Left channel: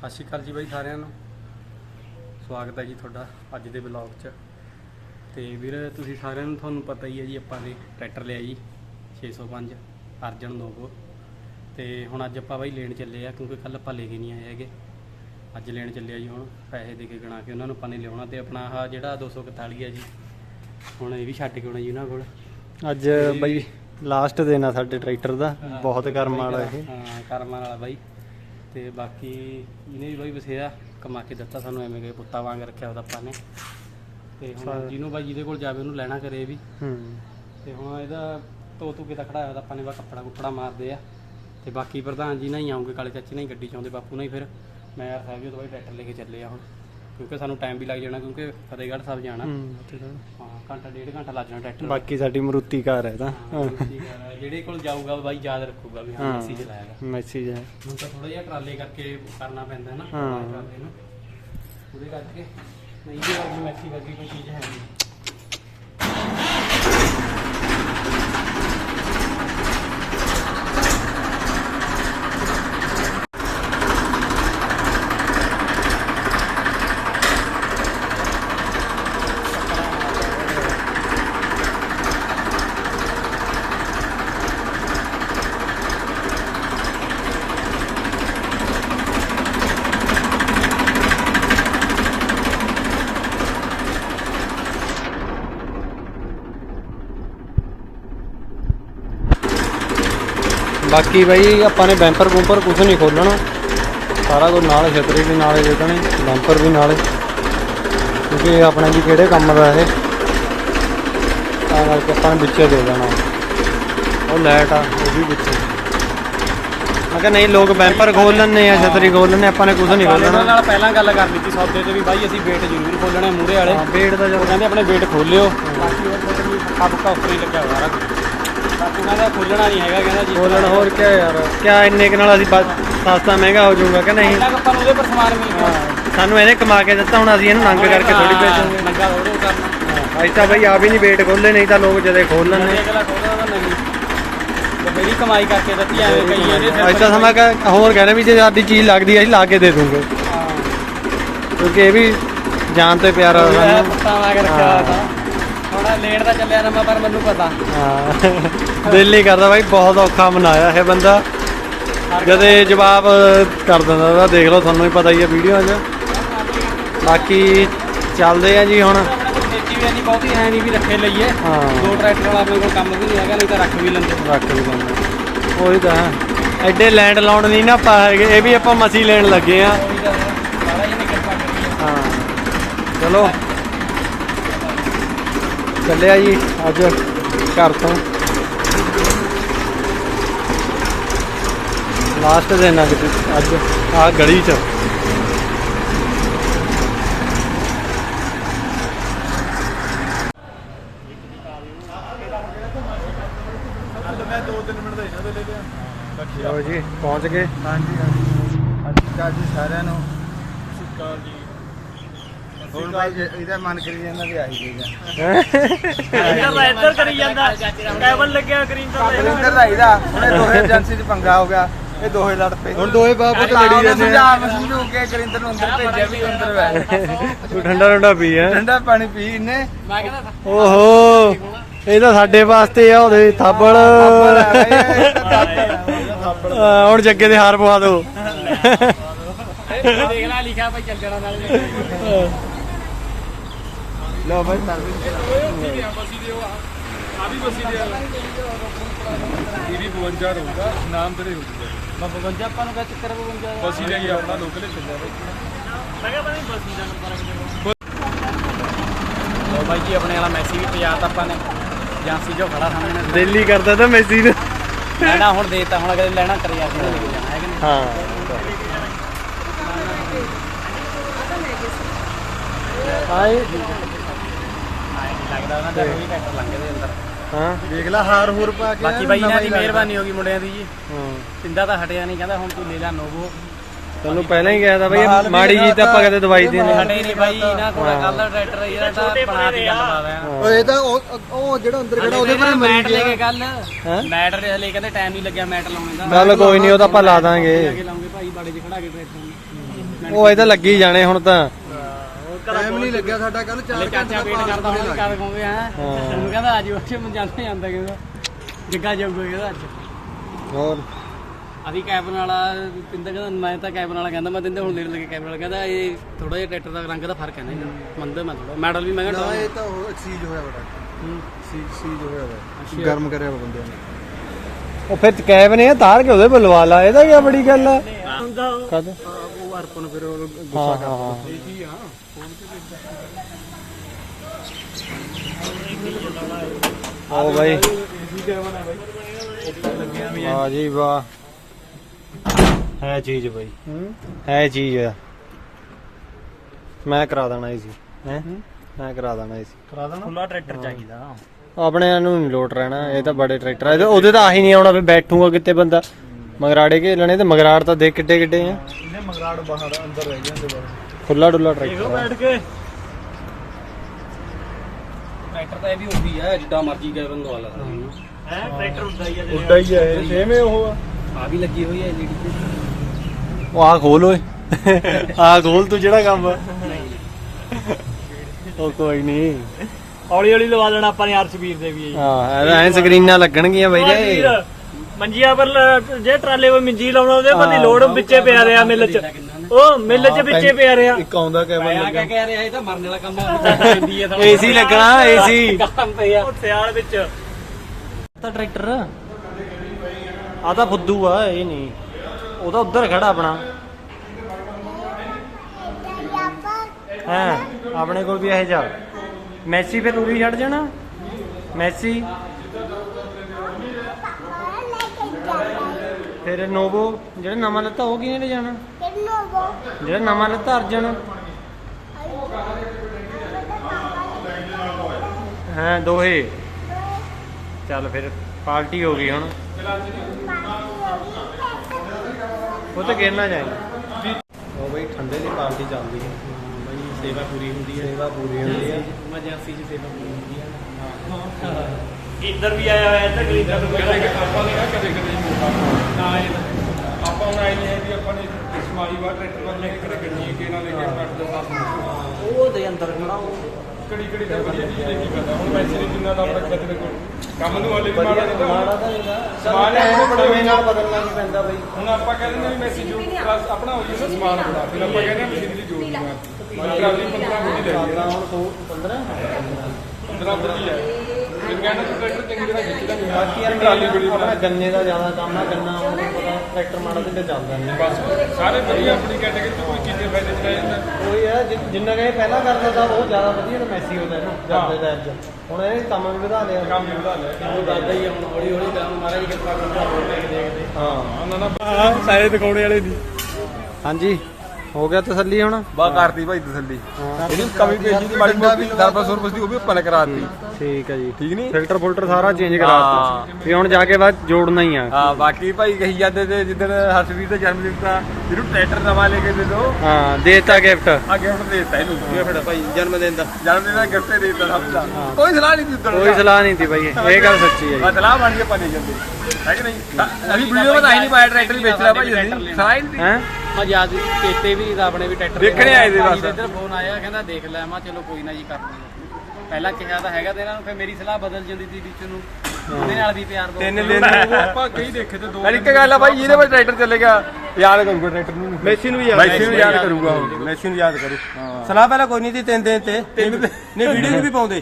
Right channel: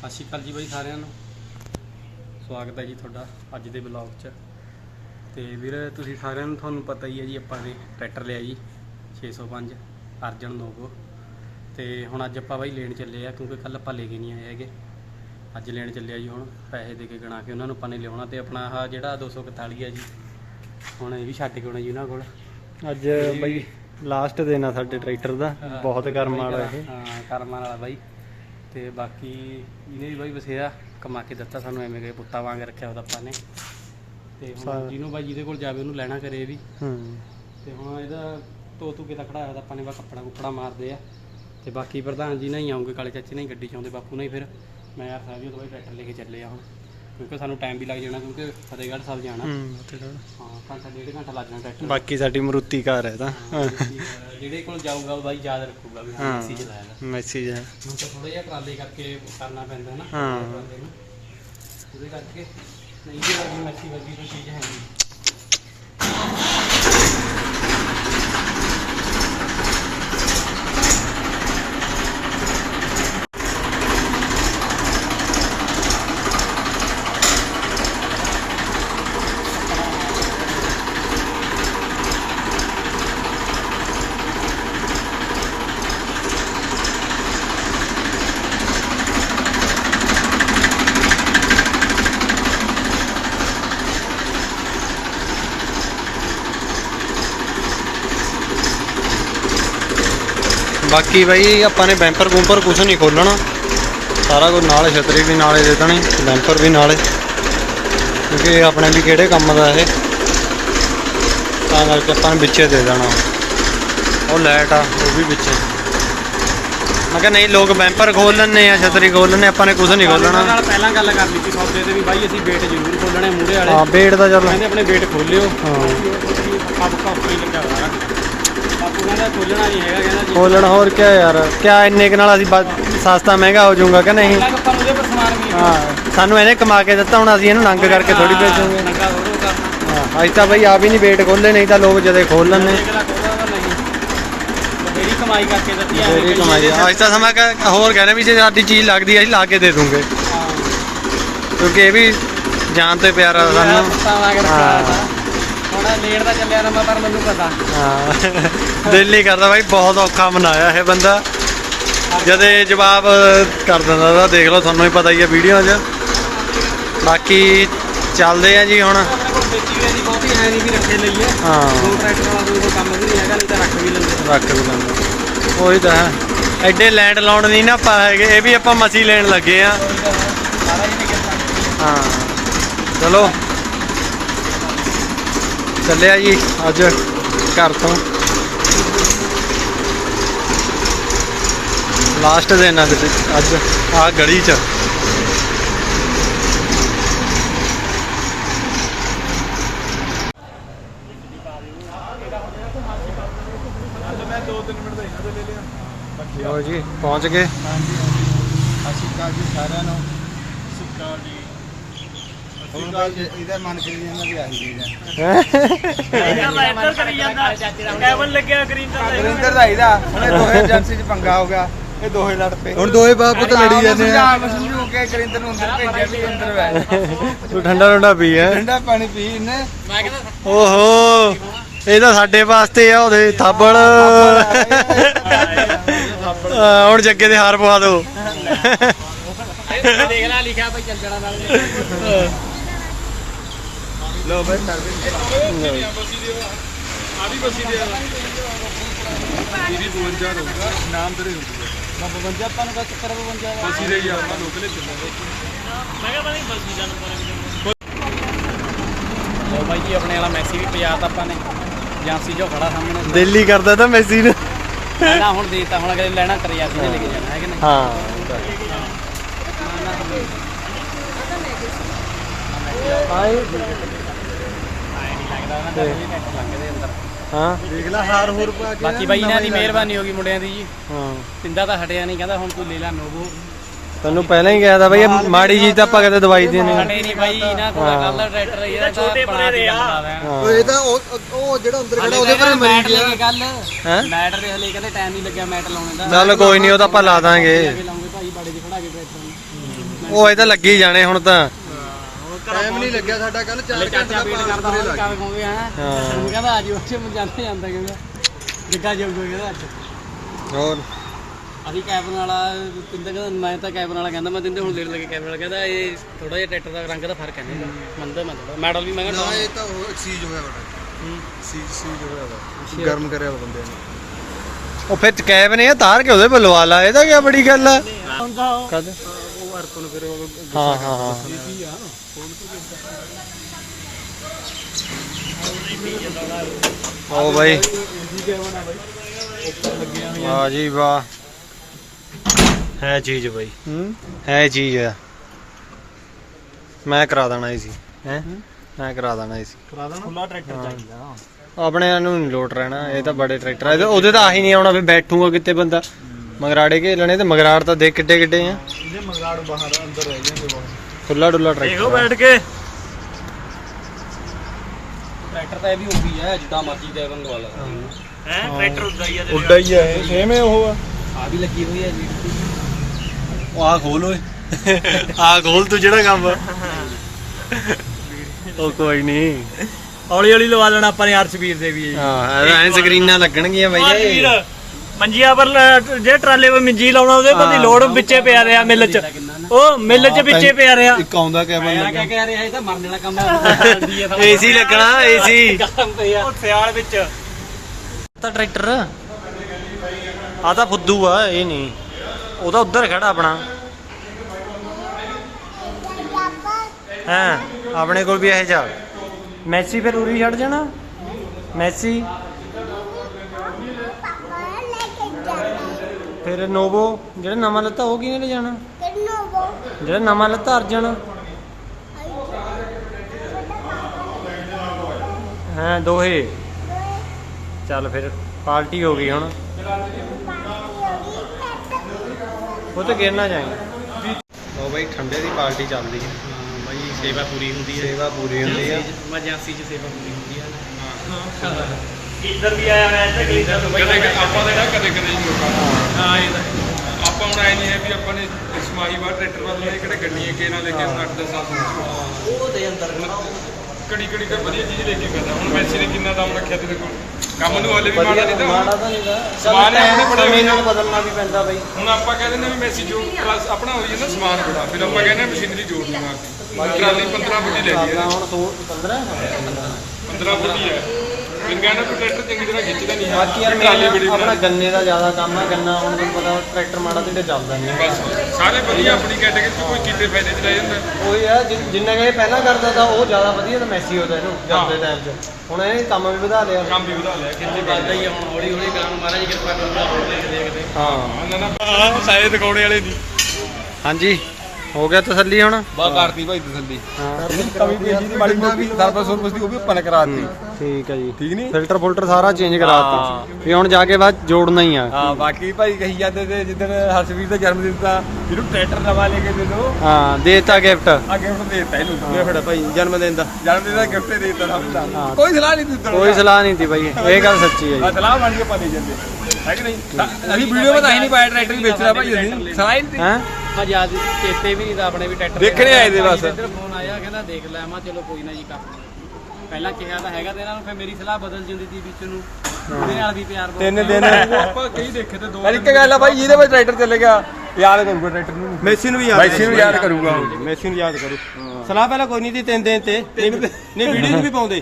ਸਤਿ ਸ਼੍ਰੀ ਅਕਾਲ ਜੀ ਬਾਈ ਸਾਰਿਆਂ ਨੂੰ। ਸਵਾਗਤ ਹੈ ਜੀ ਤੁਹਾਡਾ ਅੱਜ ਦੇ ਬਲੌਗ 'ਚ। ਤੇ ਵੀਰ ਤੁਸੀਂ ਸਾਰਿਆਂ ਨੂੰ ਤੁਹਾਨੂੰ ਪਤਾ ਹੀ ਹੈ ਜੀ ਆਪਾਂ ਨੇ ਟਰੈਕਟਰ ਲਿਆ ਜੀ 605 ਅਰਜਨ ਨੋਵੋ ਤੇ ਹੁਣ ਅੱਜ ਆਪਾਂ ਬਾਈ ਲੈਣ ਚੱਲੇ ਆ ਕਿਉਂਕਿ ਕੱਲ ਆਪਾਂ ਲੈ ਕੇ ਨਹੀਂ ਆਏ ਹੈਗੇ। ਅੱਜ ਲੈਣ ਚੱਲੇ ਆ ਜੀ ਹੁਣ ਪੈਸੇ ਦੇ ਕੇ ਗਣਾ ਕੇ ਉਹਨਾਂ ਨੂੰ ਆਪਾਂ ਨੇ ਲਿਆਉਣਾ ਤੇ ਆਪਣਾ ਆਹ ਜਿਹੜਾ 241 ਹੈ ਜੀ ਹੁਣ ਇਹ ਵੀ ਛੱਡ ਕੇ ਆਉਣਾ ਜੀ ਉਹਨਾਂ ਕੋਲ। ਅੱਜ ਬਈ ਲਾਸਟ ਦਿਨ ਆ ਸਾਡੇ ਟਰੈਕਟਰ ਦਾ ਬਹੁਤ ਕਰਮ ਵਾਲਾ ਇਹ। ਹਾਂ ਕਰਮਾਂ ਵਾਲਾ ਬਾਈ। ਤੇ ਬਾਕੀ ਇਹਨੇ ਵੀ ਬਾਈ ਬਸੇਰਾ ਕਮਾ ਕੇ ਦਿੱਤਾ ਸਾਨੂੰ ਐਵੇਂ ਕਿ ਪੁੱਤਾ ਵਾਂਗ ਰੱਖਿਆ ਉਹਦਾ ਆਪਾਂ ਨੇ। ਤੇ ਹੁਣ। ਜਿਹਨੂੰ ਬਾਈ ਜਿਹਦੇ ਕੋਲ ਜਾਵੇ ਉਹਨੂੰ ਲੈਣਾ ਕਰੇ ਵੀ। ਹੂੰ। ਤੇ ਹੁਣ ਇਹਦਾ ਧੋ ਧੂ ਕੇ ਤਾਂ ਖੜਾਇਆ ਉਹਦਾ ਆਪਾਂ ਨੇ ਬਾ ਕੱਪੜਾ ਕੁੱਪੜਾ ਮਾਰਦੇ ਆ। ਤੇ ਬਾਕੀ ਪ੍ਰਧਾਨ ਜੀ ਨਾਲ ਹੀ ਆਉਂਗੇ ਕਾਲੇ ਚਾਚੇ ਨਾਲ ਹੀ ਗੱਡੀ ਚ ਆਉਂਦੇ ਬਾਪੂ ਨਾਲ ਹੀ ਫਿਰ। ਮੈਂ ਯਾਰ ਸਾਹਿਬ ਜੀ ਉਹ ਬਾਈ ਟਰੈਕਟਰ ਲੈ ਕੇ ਚੱਲੇ ਆ ਹੁਣ। ਕਿਉਂਕਿ ਸਾਨੂੰ ਟਾਈਮ ਵੀ ਲੱਗ ਜਾਣਾ ਕਿਉਂਕਿ ਫਤਿਹਗੜ੍ਹ ਸਾਹਿਬ ਜਾਣਾ। ਹੂੰ ਉੱਥੇ ਖੜਾ। ਹਾਂ ਘੰਟਾ ਡੇਢ ਘੰਟਾ ਲੱਗ ਜਾਣਾ ਟਰੈਕਟਰ। ਬਾਕੀ ਸਾਡੀ ਮਰੂਤੀ ਕਾਰ ਹੈ ਤਾਂ। ਹਾਂ, ਜਿਹੜੇ ਕੋਲ ਜਾਊਗਾ ਉਹ ਬਾਈ ਯਾਦ ਰੱਖੂਗਾ ਵੀ ਹਾਂ ਹਾਂ। ਅਸੀਂ ਚਲਾਇਆ ਮੈਸੇਜ ਹੈ। ਹੁਣ ਤਾਂ ਥੋੜਾ ਜਿਹਾ ਟਰਾਲੇ ਕਰਕੇ ਕਰਨਾ ਪੈਂਦਾ ਨਾ। ਹਾਂ। ਟਰਾਲੇ ਨੂੰ ਉਹਦੇ ਕਰਕੇ ਨਹੀਂ ਵੀ ਵਰਗੀ ਮੱਛੀ ਵਰਗੀ ਕੋਈ ਚੀਜ਼ ਹੈ ਨਹੀਂ। ਬਾਕੀ ਬਈ ਆਪਾਂ ਨੇ ਬੈਂਪਰ ਬੂੰਪਰ ਕੁਝ ਨਹੀਂ ਖੋਲਣਾ। ਸਾਰਾ ਕੁਝ ਨਾਲੇ ਛਤਰੀ ਵੀ ਨਾਲੇ ਦੇ ਦੇਣੀ ਬੈਂਪਰ ਵੀ ਨਾਲੇ ਕਿਉਂਕਿ ਆਪਣੇ ਵੀ ਕਿਹੜੇ ਕੰਮ ਦਾ ਇਹ? ਤਾਂ ਕਰਕੇ ਆਪਾਂ ਨੇ ਵਿੱਚੇ ਦੇ ਦੇਣਾ। ਉਹ ਲਾਈਟ ਆ ਉਹ ਵੀ ਵਿੱਚੇ। ਮੈਂ ਕਿਹਾ ਨਹੀਂ ਲੋਕ ਬੈਂਪਰ ਖੋਲ ਲੈਂਦੇ ਆ ਛਤਰੀ ਖੋਲ ਲੈਂਦੇ ਆਪਾਂ ਨੇ ਕੁਝ ਨਹੀਂ ਖੋਲਣਾ। ਨਾਲ ਪਹਿਲਾਂ ਗੱਲ ਕਰ ਲਈ ਸੀ ਸੌਦੇ ਤੇ ਵੀ ਬਾਈ ਅਸੀਂ ਵੇਟ ਜ਼ਰੂਰ ਖੋਲਣੇ ਮੂਰੇ ਵਾਲੇ। ਹਾਂ ਬੇੜ ਦਾ ਜਦ ਕਹਿੰਦੇ ਆਪਣੇ ਵੇਟ ਖੋਲਿਓ। ਪੱਕਾ ਪੱਕਾ ਉੱਪਰ ਹੀ ਲੱਗਾ ਹੋਇਆ ਬਾਪੂ ਉਹਨਾਂ ਦਾ ਖੋਲਣਾ ਨਹੀਂ ਹੈਗਾ ਕਹਿੰਦਾ ਜੀ ਖੋਲਣ ਹੋਰ ਕੀ ਯਾਰ। ਕਿਆ ਇੰਨੇ ਕੁ ਨਾਲ ਅਸੀਂ ਸਸਤਾ ਮਹਿੰਗਾ ਹੋ ਜਾਊਗਾ ਕਿ ਨਹੀਂ? ਪਹਿਲਾਂ ਆਪਾਂ ਨੂੰ ਉਹਦੇ ਪਰ ਸਮਾਨ ਮਿਲਦਾ ਹਾਂ ਸਾਨੂੰ ਇਹਨੇ ਕਮਾ ਕੇ ਦਿੱਤਾ ਹੁਣ ਅਸੀਂ ਇਹਨੂੰ ਨੰਗ ਕਰਕੇ ਥੋੜੀ ਵੇਚਾਂਗੇ ਨੰਗਾ ਥੋੜੋ ਕਰਨਾ ਅੱਜ ਤਾਂ ਬਈ ਆ ਵੀ ਨਹੀਂ ਵੇਟ ਖੋਲੇ ਨਹੀਂ ਤਾਂ ਲੋਕ ਜਦੇ ਖੋਲ ਖੋਲਦਾ ਨਹੀਂ। ਬਥੇਰੀ ਕਮਾਈ ਕਰਕੇ ਦਿੱਤੀ ਐ ਤੇਰੀ ਕਮਾਈ ਅੱਜ ਤਾਂ ਸਮਾਂ ਕਿ ਹੋਰ ਕਹਿੰਦੇ ਵੀ ਜੇ ਸਾਡੀ ਚੀਜ਼ ਲੱਗਦੀ ਹੈ ਅਸੀਂ ਲਾ ਕੇ ਦੇ ਦੂੰਗੇ। ਹਾਂ। ਕਿਉਂਕਿ ਇਹ ਵੀ ਜਾਨ ਤੇ ਪਿਆਰਾ ਸਾਨੂੰ। ਪੱਤਾ ਹੋਇਆ ਤਾ। ਹੁਣ ਲੇਟ ਦਾ ਚੱਲਿਆ ਨਾ ਮੈਂ ਪਰ ਮੈਨੂੰ ਪਤਾ। ਹਾਂ। ਦਿਲ ਨਹੀਂ ਕਰਦਾ ਬਾਈ ਬਹੁਤ ਔਖਾ ਮਨਾਇਆ ਇਹ ਬੰਦਾ। ਜਦੇ ਜਵਾਬ ਕਰ ਦਿੰਦਾ ਤਾਂ ਦੇਖ ਲਓ ਤੁਹਾਨੂੰ ਹੀ ਪਤਾ ਹੀ ਹੈ ਵੀਡੀਓ 'ਚ। ਬਾਕੀ ਚੱਲਦੇ ਆ ਜੀ ਹੁਣ। ਬਹੁਤੀ ਹੈ ਨਹੀਂ ਵੀ ਰੱਖੇ ਲਈਏ। ਹਾਂ। ਦੋ ਟਰੈਕਟਰ ਵਾਲਾ ਆਪਣੇ ਕੋਲ ਕੰਮ ਵੀ ਨਹੀਂ ਹੈਗਾ ਨਹੀਂ ਤਾਂ ਰੱਖ ਵੀ ਲੈਂਦੇ। ਰੱਖ ਵੀ ਲੈਂਦਾ। ਉਹੀ ਤਾਂ ਹੈ। ਐਡੇ ਲੈਂਡ ਲਾਉਣ ਨਹੀਂ ਨਾ ਹੈਗੇ ਇਹ ਵੀ ਆਪਾਂ ਮਸੀ ਲੈਣ ਲੱਗੇ ਆ। ਹਾਂ। ਚਲੋ। ਚੱਲਿਆ ਜੀ ਅੱਜ ਘਰ ਤੋਂ। ਲਾਸਟ ਦਿਨ ਅੱਜ ਅੱਜ ਆ ਗਲੀ ਚ। ਲੋ ਜੀ, ਪਹੁੰਚ ਗਏ। ਹਾਂਜੀ ਹਾਂਜੀ। ਸਤਿ ਸ਼੍ਰੀ ਅਕਾਲ ਜੀ ਸਾਰਿਆਂ ਨੂੰ ਹੋਰ ਭਾਈ ਜੀ, ਇਹਦਾ ਮਨ ਕਰੀ ਜਾਂਦਾ ਵੀ ਆਹੀ ਚੀਜ਼ ਹੈ। ਇੱਧਰ ਕਰੀ ਜਾਂਦਾ। ਕੈਬਲ ਲੱਗਿਆ ਗ੍ਰੀਨ ਦਾ ਕਰਿੰਦਰ ਦਾ। ਇਹਦਾ ਹੁਣ ਇਹ ਦੋਹੇ ਏਜੰਸੀ 'ਚ ਪੰਗਾ ਹੋ ਗਿਆ। ਇਹ ਦੋਹੇ ਲੜ ਪਏ। ਹੁਣ ਦੋਵੇਂ ਬਾਪ ਪੁੱਤ ਤਾਂ ਲੜੀ ਉਹਨੂੰ ਜਾਂਦੇ ਆ। ਸਮਝਾ ਮੈਂ ਸਮਝੂ ਕੇ ਕਰਿੰਦਰ ਨੂੰ ਅੰਦਰ ਭੇਜਿਆ ਵੀ ਤੂੰ ਅੰਦਰ ਬੈ ਤੂੰ ਠੰਡਾ ਠੰਡਾ ਪੀ ਹੈ ਠੰਡਾ ਪਾਣੀ ਪੀ ਇਹਨੇ। ਓਹੋ ਇਹ ਤਾਂ ਸਾਡੇ ਵਾਸਤੇ ਆ ਉਹਦੇ ਥਾਬੜ ਹੁਣ ਜੱਗੇ ਦੇ ਹਾਰ ਪਵਾ ਦੋ। ਦੇਖ ਲੈ ਲਿਖਿਆ ਭਾਈ ਚੱਲ ਜਾਣਾ ਨਾਲ। ਲੋ ਬਈ। ਸਰਵਿਸ ਮੈਂ 52 ਆਪਾਂ ਨੂੰ ਕਾ ਚੱਕਰ 52 ਦਾ ਬਸੀ ਦੇ ਯਾਰ ਨਾ ਲੋਕਲੇ ਲੋ ਬਾਈ ਜੀ ਆਪਣੇ ਵਾਲਾ ਮੈਸੀ ਵੀ ਪਿਆਤ ਆਪਾਂ ਨੇ। ਜਾਂਸੀ ਜੋ ਖੜਾ ਸਾਹਮਣੇ ਦਿੱਲੀ ਕਰਦਾ ਤਾਂ ਮੈਸੀ ਨੂੰ। ਲੈਣਾ ਹੁਣ ਦੇਤਾ ਹੁਣ ਅਗਲੇ ਲੈਣਾ ਕਰੇ ਯਾਰ ਕਿਹਨੇ ਲੈ ਕੇ ਜਾਣਾ ਹੈ ਕਿ ਨਹੀਂ? ਹਾਂ। ਆਏ। ਲੱਗਦਾ ਉਹਨਾਂ ਦਾ ਵੀ ਟਰੈਕਟਰ ਲੰਘ ਦੇ ਅੰਦਰ। ਹਾਂ। ਦੇਖ ਲੈ ਹਾਰ ਹੋਰ ਪਾ ਕੇ ਬਾਕੀ ਬਾਈ ਇਹਨਾਂ ਦੀ ਮਿਹਰਬਾਨੀ ਹੋ ਗਈ ਮੁੰਡਿਆਂ ਦੀ ਜੀ। ਹਾਂ। ਪਿੰਦਾ ਤਾਂ ਹਟਿਆ ਨਹੀਂ ਕਹਿੰਦਾ ਹੁਣ ਤੂੰ ਲੈ ਲੈ ਨੋਵੋ। ਤੈਨੂੰ ਪਹਿਲਾਂ ਹੀ ਕਿਹਾ ਤਾਂ ਬਈ ਇਹ ਮਾੜੀ ਜੀ ਤਾਂ ਆਪਾਂ ਕਦੇ ਦਵਾਈ ਦੇਣੀ ਸਾਡੇ ਨਹੀਂ ਬਾਈ ਨਾ ਕੋਲ ਹਾਂ। ਕੱਲ ਟਰੈਕਟਰ ਇਹ ਤਾਂ ਬਣਾ ਕੇ ਗੱਲ ਲਾ ਦੇਣ ਹਾਂ। ਇਹ ਤਾਂ ਉਹ ਉਹ ਜਿਹੜਾ ਅੰਦਰ ਖੜਾ ਉਹਦੇ ਪਰ ਮੈਟ ਲੈ ਕੇ ਕੱਲ ਹੈਂ? ਮੈਟ ਦੇ ਹਲੇ ਕਹਿੰਦੇ ਟਾਈਮ ਨਹੀਂ ਲੱਗਿਆ ਮੈਟ ਲਾਉਣੇ ਦਾ। ਚੱਲ ਕੋਈ ਨਹੀਂ ਉਹ ਤਾਂ ਆਪਾਂ ਲਾ ਦਾਂਗੇ। ਲਾਉਂਗੇ ਭਾਈ ਬਾੜੇ 'ਚ ਖੜਾ ਕੇ ਟਰੈਕਟਰ ਨੂੰ। ਉਹ ਇਹ ਤਾਂ ਲੱਗੀ ਜਾਣੇ ਹੁਣ ਤਾਂ। ਟਾਈਮ ਨਹੀਂ ਲੱਗਿਆ ਸਾਡਾ ਕੱਲ 4 ਘੰਟੇ ਦਾ ਵੇਟ ਕਰਦਾ ਹੁਣ ਕਰ ਗੋਵੇ ਹੈ ਹਾਂ। ਉਹਨੂੰ ਕਹਿੰਦਾ ਅੱਜ ਉਹ ਮੈਂ ਜਾਂਦਾ ਜਾਂਦਾ ਕਹਿੰਦਾ। ਜੱਗਾ ਜਾਊਗਾ ਕਹਿੰਦਾ ਅੱਜ। ਹੋਰ? ਅਸੀਂ ਕੈਬਨ ਵਾਲਾ ਪਿੰਦਰ ਕਹਿੰਦਾ ਮੈਂ ਤਾਂ ਕੈਬਨ ਵਾਲਾ ਕਹਿੰਦਾ ਮੈਂ ਦਿੰਦੇ ਹੁਣ ਦੇਰ ਲੱਗੇ ਕੈਬਨ ਵਾਲਾ ਕਹਿੰਦਾ ਇਹ ਥੋੜਾ ਜਿਹਾ ਟਰੈਕਟਰ ਦਾ ਰੰਗ ਦਾ ਫ਼ਰਕ ਹੈ ਨਹੀਂ। ਮੰਨਦਾ ਮੈਂ ਥੋੜਾ ਮੈਡਲ ਵੀ ਮੈਂ ਨਾ ਕਹਿੰਦਾ ਇਹ ਤਾਂ ਉਹ ਐਕਸੀਜ ਹੋਇਆ ਬੜਾ। ਸੀਜ ਸੀਜ ਹੋਇਆ ਦਾ ਗਰਮ ਕਰਿਆ ਹੋਇਆ ਬੰਦੇ ਨੇ। ਉਹ ਫਿਰ ਕੈਬ ਨੇ ਤਾਰ ਕੇ ਉਹਦੇ ਬੁਲਵਾ ਲਾ ਇਹਦਾ ਕੀ ਬੜੀ ਗੱਲ ਆ। ਹੁੰਦਾ ਕਦ ਉਹ ਅਰਪਨ ਫਿਰ ਉਹ ਹਾਂ ਹਾਂ ਹਾਂ। ਕੀ ਆ ਉਹ ਬਾਈ। ਵਾਹ ਜੀ ਵਾਹ। ਹੈ ਚੀਜ਼ ਬਾਈ। ਹੂੰ। ਹੈ ਚੀਜ਼। ਆ ਮੈਂ ਕਰਾ ਦੇਣਾ ਸੀ। ਹੈ? ਮੈਂ ਕਰਾ ਦੇਣਾ ਸੀ। ਖੁੱਲਾ ਟਰੈਕਟਰ ਚਾਹੀਦਾ। ਆਪਣੇ ਨੂੰ ਨਹੀਂ ਲੋਟ ਰਹਿਣਾ। ਇਹ ਤਾਂ ਬੜੇ ਟਰੈਕਟਰ ਆ। ਉਹਦੇ ਤਾਂ ਆਹੀ ਨਹੀਂ ਆਉਣਾ ਫਿਰ ਬੈਠੂਗਾ ਕਿਤੇ ਬੰਦਾ। ਮਗਰਾੜੇ ਕੇ ਲੈਣੇ ਤੇ ਮਗਰਾੜ ਤਾਂ ਦੇਖ ਕਿੱਡੇ ਕਿੱਡੇ ਆ। ਇਹਨੇ ਮਗਰਾੜ ਬਾਹਰ ਅੰਦਰ ਰਹਿ ਜਾਂਦੇ ਬਹੁਤ ਖੁੱਲਾ ਡੁੱਲਾ ਟਰੈਕਟਰ ਆ। ਕੇ। ਟਰੈਕਟਰ ਤਾਂ ਇਹ ਵੀ ਉਹੀ ਹੈ ਜਿੱਦਾਂ ਮਰਜ਼ੀ ਕੈਬਨ ਦਵਾ ਲਾ ਹੈ। ਟਰੈਕਟਰ ਉੱਡਾ ਹੀ ਆ ਉੱਡਾ ਹੀ ਆ ਇਹ ਸੇਮ ਹੈ ਉਹ ਆ। ਆ ਵੀ ਲੱਗੀ ਹੋਈ ਹੈ ਜਿਹੜੀ ਉਹ ਆ ਖੋਲ ਓਏ। ਆ ਖੋਲ ਤੂੰ ਜਿਹੜਾ ਕੰਮ ਉਹ ਕੋਈ ਨਹੀਂ ਹੌਲੀ ਹੌਲੀ ਲਵਾ ਲੈਣਾ ਆਪਾਂ ਨੇ ਅਰਸ਼ਵੀਰ ਦੇ ਵੀ। ਹਾਂ ਐਂ ਸਕਰੀਨਾਂ ਲੱਗਣਗੀਆਂ ਬਾਈ ਮੰਜੀਆਂ ਪਰ ਜੇ ਟਰਾਲੇ 'ਤੇ ਮੰਜੀ ਲਾਉਣਾ ਉਹਦੇ ਹਾਂ। ਲੋਡ ਵਿੱਚੇ ਪਿਆ ਰਿਹਾ ਮਿੱਲ 'ਚ। ਉਹ ਮਿੱਲ 'ਚ ਵਿੱਚੇ ਪਿਆ ਰਿਹਾ। ਇੱਕ ਆਉਂਦਾ ਕੈਬਨ ਮੈਂ ਕਹਿ ਰਿਹਾ ਇਹ ਤਾਂ ਮਰਨ ਵਾਲਾ ਕੰਮ ਆ। ਏਸੀ ਲੱਗਣਾ ਏਸੀ। ਕੰਮ ਪਿਆ ਸਿਆਲ ਵਿੱਚ। ਤਾਂ ਟਰੈਕਟਰ। ਆ ਤਾਂ ਫੁੱਦੂ ਆ ਇਹ ਨਹੀਂ। ਉਹ ਤਾਂ ਉੱਧਰ ਖੜਾ ਆਪਣਾ। ਹਾਂ ਆਪਣੇ ਕੋਲ ਵੀ ਇਹ ਜਾ ਮੈਸੀ ਫਿਰ ਉਰੀ ਛੱਡ ਜਾਣਾ? ਮੈਸੀ? ਫਿਰ ਨੋਵੋ ਜਿਹੜਾ ਨਵਾਂ ਲੱਤਾ ਉਹ ਕਿਹਨੇ ਲੈ ਜਾਣਾ? ਜਿਹੜਾ ਨਵਾਂ ਲੱਤਾ ਅਰਜਨ। ਹਾਂ ਦੋਹੇ। ਚੱਲ ਫਿਰ ਪਾਰਟੀ ਹੋ ਗਈ ਹੁਣ। ਉਹ ਤੇ ਗਿਰਨਾ ਜਾਏਗਾ। ਉਹ ਬਈ ਠੰਡੇ ਦੀ ਪਾਰਟੀ ਚੱਲਦੀ ਹੈ। ਬਾਈ ਸੇਵਾ ਪੂਰੀ ਹੁੰਦੀ ਹੈ। ਸੇਵਾ ਪੂਰੀ ਹੁੰਦੀ ਹੈ। ਐਮਰਜੈਂਸੀ 'ਚ ਸੇਵਾ ਪੂਰੀ ਹੁੰਦੀ ਹੈ ਹਾਂ। ਇੱਧਰ ਵੀ ਆਇਆ ਹੋਇਆ ਇੱਥੇ ਵੀ ਆਪਾਂ ਦਾ ਕਦੇ ਕਦੇ ਹੀ ਮੌਕਾ ਹਾਂ ਇਹ ਆਪਾਂ ਹੁਣ ਆਏ ਨਹੀਂ ਹੈ ਵੀ ਆਪਾਂ ਨੇ ਸਮਾਈ ਵਾਰ ਟਰੈਕਟਰ ਬਦਲਣੇ ਕਿਹੜੇ ਗੱਡੀਆਂ ਕੇ ਨਾਲ ਲੈ ਕੇ ਹੁਣ 8 10 ਸਾਲ ਨੂੰ ਉਹ ਦੇ ਅੰਦਰ ਕੜੀ ਕੜੀ ਤੇ ਵਧੀਆ ਚੀਜ਼ ਲੈ ਕੇ ਕਰਦਾ। ਹੁਣ ਮੈਸੀ ਨੇ ਕਿੰਨਾ ਦਮ ਰੱਖਿਆ ਤੇਰੇ ਕੋਲ? ਕੰਮ ਨੂੰ ਹਲੇ ਵੀ ਮਾੜਾ ਨਹੀਂ ਤਾਂ ਹੁਣ ਸਮਾਨ ਹੈ ਆਪਣੇ ਬੜੇ ਹੋਏ ਨੇ। ਬਦਲਣਾ ਵੀ ਪੈਂਦਾ ਬਈ। ਹੁਣ ਆਪਾਂ ਕਹਿੰਦੇ ਨੇ ਵੀ ਮੈਸੀ ਜੋ ਕਲਾਸ ਆਪਣਾ ਹੋਈ ਨਾ ਸਮਾਨ ਬੜਾ। ਫਿਰ ਆਪਾਂ ਕਹਿੰਦੇ ਆ ਮਸ਼ੀਨਰੀ ਜੋੜ ਦੀ ਮਾਰਦੀ। ਟਰਾਲੀ 15 ਫੁੱਟ ਲੈ ਲਈ ਹੈ। ਹੁਣ ਤੂੰ 15 15 ਫੁੱਟ ਹੀ ਹੈ। ਫਿਰ ਕਹਿੰਦਾ ਤੂੰ ਟਰੈਕਟਰ ਚੰਗੀ ਤਰ੍ਹਾਂ ਖਿੱਚਦਾ ਨਹੀਂ। ਹੈ ਫਿਰ ਟਰਾਲੀ ਬੜੀ ਆਪਣਾ ਬਣਾ ਗੰਨੇ ਦਾ ਜ਼ਿਆਦਾ ਕੰਮ ਹੈ ਗੰਨਾ ਹੁਣ ਤੈਨੂੰ ਪਤਾ ਟਰੈਕਟਰ ਮਾੜਾ ਜਿਹਾ ਚੱਲਦਾ ਨਹੀਂ। ਬਸ ਸਾਰੇ ਵਧੀਆ ਆਪਣੀ ਕੈਟਾਗਰੀ 'ਚ ਕੋਈ ਕੀਤੇ ਫਾਇਦੇ 'ਚ ਰਹਿ ਜਾਂਦਾ। ਉਹ ਯਾਰ ਜਿ- ਜਿੰਨੇ ਕਹੇ ਪਹਿਲਾਂ ਕਰਦਾ ਤਾਂ ਉਹ ਜ਼ਿਆਦਾ ਵਧੀਆ ਤਾਂ ਮੈਸੀ ਹੋ ਜਾਏ ਹਾਂ। ਜਾਂਦੇ ਟਾਈਮ 'ਚ। ਹੁਣ ਇਹ ਕੰਮ ਵੀ ਵਧਾ ਲਿਆ। ਕੰਮ ਵੀ ਵਧਾ ਲਿਆ ਖੇਤੀ ਵੱਧਦਾ ਹੀ ਆ ਹੁਣ ਹੌਲੀ ਹੌਲੀ ਕੰਮ ਮਹਾਰਾਜ ਕਿਰਪਾ ਕਰੂਗਾ ਹੋਰ ਦੇਖ ਦੇਖਦੇ ਹਾਂ ਨਾ ਨਾ ਸਾਰੇ ਦਿਖਾਉਣੇ ਵਾਲੇ ਨਹੀਂ ਹਾਂਜੀ ਹੋ ਗਿਆ ਤਸੱਲੀ ਹੁਣ? ਬਾ ਕਰਤੀ ਭਾਈ ਤਸੱਲੀ। ਹਾਂ। ਇਹਦੀ ਕਮੀ ਪੇਸ਼ੀ ਦੀ ਮਾੜੀ ਮੋਟੀ ਸਰਵਿਸ ਸੁਰਵਿਸ ਦੀ ਉਹ ਵੀ ਆਪਾਂ ਨੇ ਕਰਾਤੀ। ਠੀਕ ਹੈ ਜੀ। ਠੀਕ ਨਹੀਂ ਫਿਲਟਰ ਫੁਲਟਰ ਸਾਰਾ ਚੇਂਜ ਕਰਾਤਾ ਵੀ ਹੁਣ ਜਾ ਕੇ ਬਾਅਦ ਜੋੜਨਾ ਹੀ ਆ। ਹਾਂ ਬਾਕੀ ਭਾਈ ਕਹੀ ਜਾਂਦੇ ਤੇ ਜਿੱਦਣ ਹਸਵੀਰ ਦਾ ਜਨਮ ਦਿਨ ਦਾ ਇਹਨੂੰ ਟਰੈਕਟਰ ਨਵਾਂ ਲੈ ਕੇ ਦੇ ਦੋ ਹਾਂ ਦੇਤਾ ਗਿਫਟ ਆ ਗਿਫਟ ਦੇ ਦਿੱਤਾ ਇਹਨੂੰ। ਇਹ ਖੜੇ ਭਾਈ ਜਨਮ ਦਿਨ ਦਾ? ਜਨਮ ਦਿਨ ਦਾ ਗਿਫਟ ਦੇ ਦਿੱਤਾ ਸਭ ਦਾ। ਹਾਂ। ਕੋਈ ਸਲਾਹ ਨਹੀਂ ਦਿੱਤਾ ਕੋਈ ਸਲਾਹ ਨਹੀਂ ਸੀ ਬਾਈ ਇਹ ਗੱਲ ਸੱਚੀ ਹੈ ਜੀ। ਸਲਾਹ ਬਣ ਕੇ ਪਾਣੀ ਜਾਂਦੇ ਹੈ ਕਿ ਨਹੀਂ? ਅਸੀਂ ਵੀਡੀਓ ਵਧਾਈ ਨਹੀਂ ਪਾਇਆ ਟਰੈਕਟਰ ਹੀ ਵੇਚਣਾ ਭਾਈ ਅਸੀਂ। ਸਲਾਹ ਹੀ ਨਹੀਂ ਹੈ? ਮੈਂ ਯਾਦ ਚੇਤੇ ਵੀ ਨਹੀਂ ਤਾਂ ਆਪਣੇ ਵੀ ਟਰੈਕਟਰ ਦੇਖਣੇ ਆਏ ਦੇ ਬਸ। ਇੱਧਰ ਫੋਨ ਆਇਆ ਕਹਿੰਦਾ ਦੇਖ ਲੈ ਮੈਂ ਚਲੋ ਕੋਈ ਨਾ ਜੀ ਕਰ। ਪਹਿਲਾਂ ਕਿਹਾ ਤਾਂ ਹੈਗਾ ਤੇ ਇਹਨਾਂ ਨੂੰ ਫਿਰ ਮੇਰੀ ਸਲਾਹ ਬਦਲ ਜਾਂਦੀ ਸੀ ਵਿੱਚ ਨੂੰ। ਉਹਦੇ ਨਾਲ ਵੀ ਪਿਆਰ ਬਹੁਤ ਤਿੰਨ ਦਿਨ ਉਹ ਆਪਾਂ ਕਈ ਦੇਖੇ ਤੇ ਦੋ ਇੱਕ ਗੱਲ ਆ ਭਾਈ ਜਿਹਦੇ ਵਿੱਚ ਟਰੈਕਟਰ ਚੱਲੇਗਾ ਯਾਦ ਕਰੂਗਾ ਟਰੈਕਟਰ ਨੂੰ। ਮੈਸੀ ਨੂੰ ਵੀ ਮੈਸੀ ਨੂੰ ਯਾਦ ਕਰੂਗਾ। ਮੈਸੀ ਨੂੰ ਯਾਦ ਕਰੂ। ਸਲਾਹ ਪਹਿਲਾਂ ਕੋਈ ਨਹੀਂ ਸੀ ਤਿੰਨ ਦਿਨ ਤੇ। ਨਹੀਂ ਵੀਡੀਓ 'ਚ ਵੀ ਪਾਉਂਦੇ।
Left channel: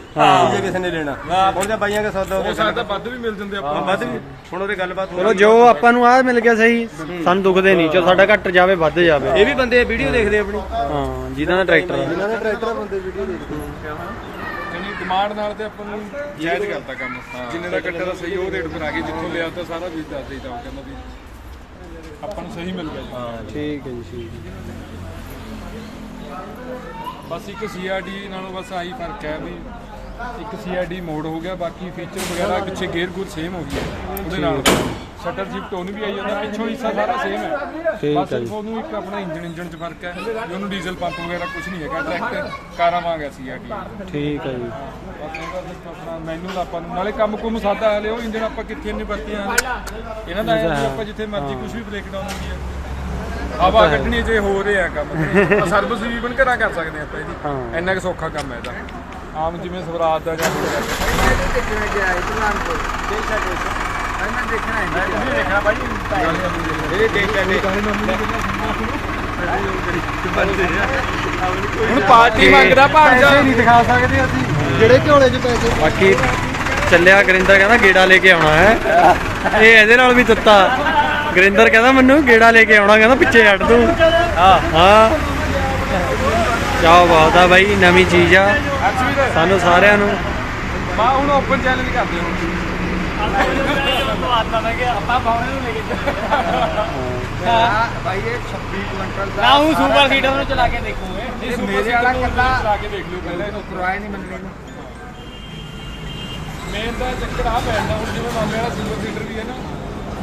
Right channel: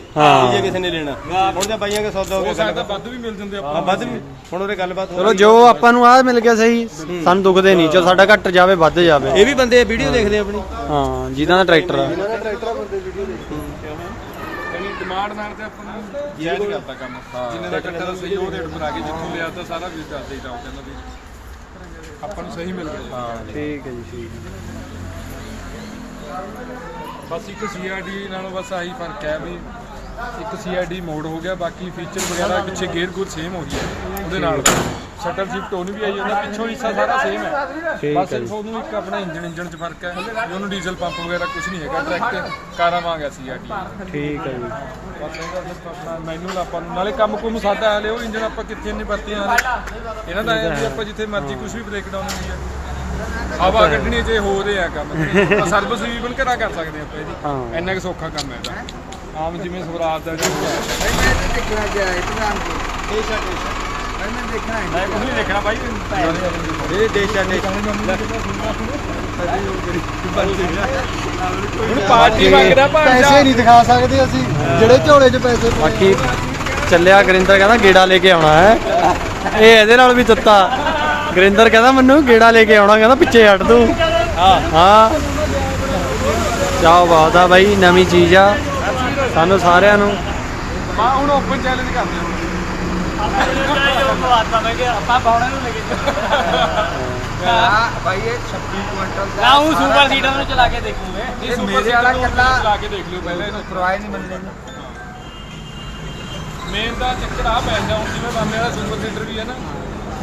ਜੇ ਕਿਸੇ ਨੇ ਲੈਣਾ। ਹੁਣ ਤਾਂ ਬਾਈਆਂ ਕੇ ਸੌਦਾ ਹੋ ਗਿਆ। ਸਕਦਾ ਵੱਧ ਵੀ ਮਿਲ ਜਾਂਦੇ ਆਪਾਂ ਵੱਧ ਵੀ ਹੁਣ ਉਹਦੇ ਗੱਲਬਾਤ ਚਲੋ ਜੋ ਆਪਾਂ ਨੂੰ ਆ ਮਿਲ ਗਿਆ ਸਹੀ ਸਾਨੂੰ ਦੁਖਦੇ ਨਹੀਂ। ਚਲ ਸਾਡਾ ਘੱਟ ਜਾਵੇ ਵੱਧ ਜਾਵੇ। ਇਹ ਵੀ ਬੰਦੇ ਵੀਡੀਓ ਦੇਖਦੇ ਆਪਣੀ। ਹਾਂ ਜਿਨ੍ਹਾਂ ਦਾ ਟਰੈਕਟਰ ਆ। ਯਾਨੀ ਡਿਮਾਂਡ ਨਾਲ ਤੇ ਆਪਾਂ ਨੂੰ ਜਾਇਜ਼ ਕਰਤਾ ਕੰਮ। ਜਿੰਨੇ ਦਾ ਕੱਟਾ ਦਾ ਸਹੀ ਉਹ ਰੇਟ ਬਣਾ ਕੇ ਜਿੱਥੋਂ ਲਿਆ ਤਾਂ ਸਾਰਾ ਵੀ ਦੱਸ ਦੇਈਦਾ ਉਹ ਕਹਿੰਦਾ ਵੀ। ਆਪਾਂ ਨੂੰ ਸਹੀ ਮਿਲ ਗਿਆ ਜੀ। ਹਾਂ ਠੀਕ ਹੈ ਜੀ ਠੀਕ ਹੈ। ਬਸ ਇੱਕ ਸੀਆਰਡੀ ਨਾਲੋਂ ਬਸ ਆਹੀ ਫ਼ਰਕ ਹੈ ਵੀ ਇੱਕ ਸੀਆਰਡੀ ਮੋਡ ਹੋ ਗਿਆ ਬਾਕੀ ਫੀਚਰ ਵਗੈਰਾ ਪਿੱਛੇ ਗੇਅਰ ਗੂਰ ਸੇਮ ਹੋ ਗਿਆ ਉਹਦੇ ਨਾਲ ਸ਼ਟਰ ਸ਼ਿਫਟ ਉਹਨੂੰ ਵੀ ਆਈ ਜਾਂਦਾ ਪਿੱਛੋਂ ਹਿੱਸਾ ਸਾਰਾ ਸੇਮ ਹੈ। ਠੀਕ ਬਸ ਹੈ ਜੀ। ਸਿਰਫ ਉਹਨੂੰ ਇੱਕ ਆਪਣੇ ਇੰਜਨ ਇੰਜਨ 'ਚ ਫ਼ਰਕ ਹੈ ਵੀ ਉਹਨੂੰ ਡੀਜ਼ਲ ਪੰਪ ਵਗੈਰਾ ਕੁਝ ਨਹੀਂ ਹੈਗਾ ਡਾਇਰੈਕਟ ਕਾਰਾਂ ਵਾਂਗ ਹੈ ਸੀਆਰਟੀ ਠੀਕ ਹੈ ਜੀ। ਬਸ ਇਹਦਾ ਸਿਰਫ ਆਪਣਾ ਮੈਨੂਅਲ ਆਪਾਂ ਨੂੰ ਨਾਲੇ ਕੰਮ ਕੁਮ ਸਾਦਾ ਹਲੇ ਉਹ ਇੰਜਨ ਆਪਾਂ ਕਿੱਥੇ ਨਹੀਂ ਵਰਤੇ ਆ ਹਲੇ। ਇਹਨਾਂ ਦਾ ਐਂ ਵੀ ਆਪਾਂ ਜਿੱਥੇ ਮਰਜ਼ੀ ਕੁਝ ਵੀ ਬ੍ਰੇਕ ਡਾਊਨ ਹੁੰਦੀ ਹੈ। ਹਵਾ ਕੱਢਣੀ ਜੇ ਹੋ ਰਿਹਾ ਕੰਮ ਸਰਵਿਸ ਵੀ ਇਵਨ ਘਰਾਂ ਕਰ ਸਕਦੇ ਆਪਾਂ ਇਹਦੀ। ਹਾਂ। ਇੰਨਾ ਕੁ ਸੌਖਾ ਕੰਮ ਹੈ ਇਹਦਾ। ਆਮ ਜਿਵੇਂ ਸਵਰਾਜ ਦਾ ਜਾਂ ਹੋਰ ਹੈ। ਮੈਂ ਦੇਖਣਾ ਗਿਆ ਇੰਤਜ਼ਾਮ ਕੋ। ਮੈਂ ਦੇਖਣਾ ਹੈ ਮੈਂ ਕੁਝ ਨਹੀਂ ਦੇਖਣਾ ਬਾਈ ਇਹ ਦੇਖ ਕੇ ਇਹਨੂੰ ਪਾਰਟੀ ਮੰਗਦਾ ਭਾਂਜਾ। ਪੈਸੇ ਨਹੀਂ ਦਿਖਾ ਸਕਦੇ ਅਸੀਂ। ਜਿਹੜੇ ਝੋਲੇ 'ਚ ਪੈਸੇ ਬਾਕੀ ਚੱਲਿਆ ਗਰਿੰਦਰ ਕਹਿੰਦਾ ਗੇੜਾ ਲੈ ਕੇ ਆਉਣਾ ਹੈ। ਇਹ ਇਹਦੇ ਨਾਲ ਵੀ ਦਿੱਤਾ। ਗਰਿੰਦਰ ਕਹਿੰਦਾ ਮੈਨੂੰ ਗੇੜਾ ਲੈ ਕੇ ਆਉਣਾ ਕਹਿੰਦਾ ਪਿੱਛੇ ਹਟ ਤੂੰ। ਹਾਂ। ਹਾਂ। ਕਿਆ ਬਾਤ ਆ ਬਾਈ ਨਵੀਂ ਚੀਜ਼ ਆ। ਸਾਨੂੰ ਸਾਰਿਆਂ ਨੂੰ। ਬਾ ਹੁਣ ਓਪਨ ਚੈਲੰਜ ਕਰਦੇ ਹਾਂ ਹਾਂ ਭਾਈ ਇਹ 26 ਕੁਇੰਟਲ ਦਾ ਉਹ ਸੁਪਰ ਸੀਟਰ ਨੂੰ ਚਲਾ ਕੇ ਦੇਖੂਗੇ ਨਹੀਂ ਸੁਪਰ ਸੀਟਰ ਨੂੰ ਚਲਾ ਕੇ ਦੇਖ ਲਿਓ ਪਹਿਲਾਂ ਇਹਨੂੰ ਪਰਵਾਹ ਨਹੀਂ ਮੰਨਣੇ ਨੂੰ ਮੇਨ ਦਾ ਚੱਕਰ ਆ ਪੈਂਦਾ ਹੁਣ ਜਿਵੇਂ ਬੰਦੇ ਵਾਲਾ ਸੁਪਰ ਸੀਟਰ ਵੀ ਹੈ ਨਾ।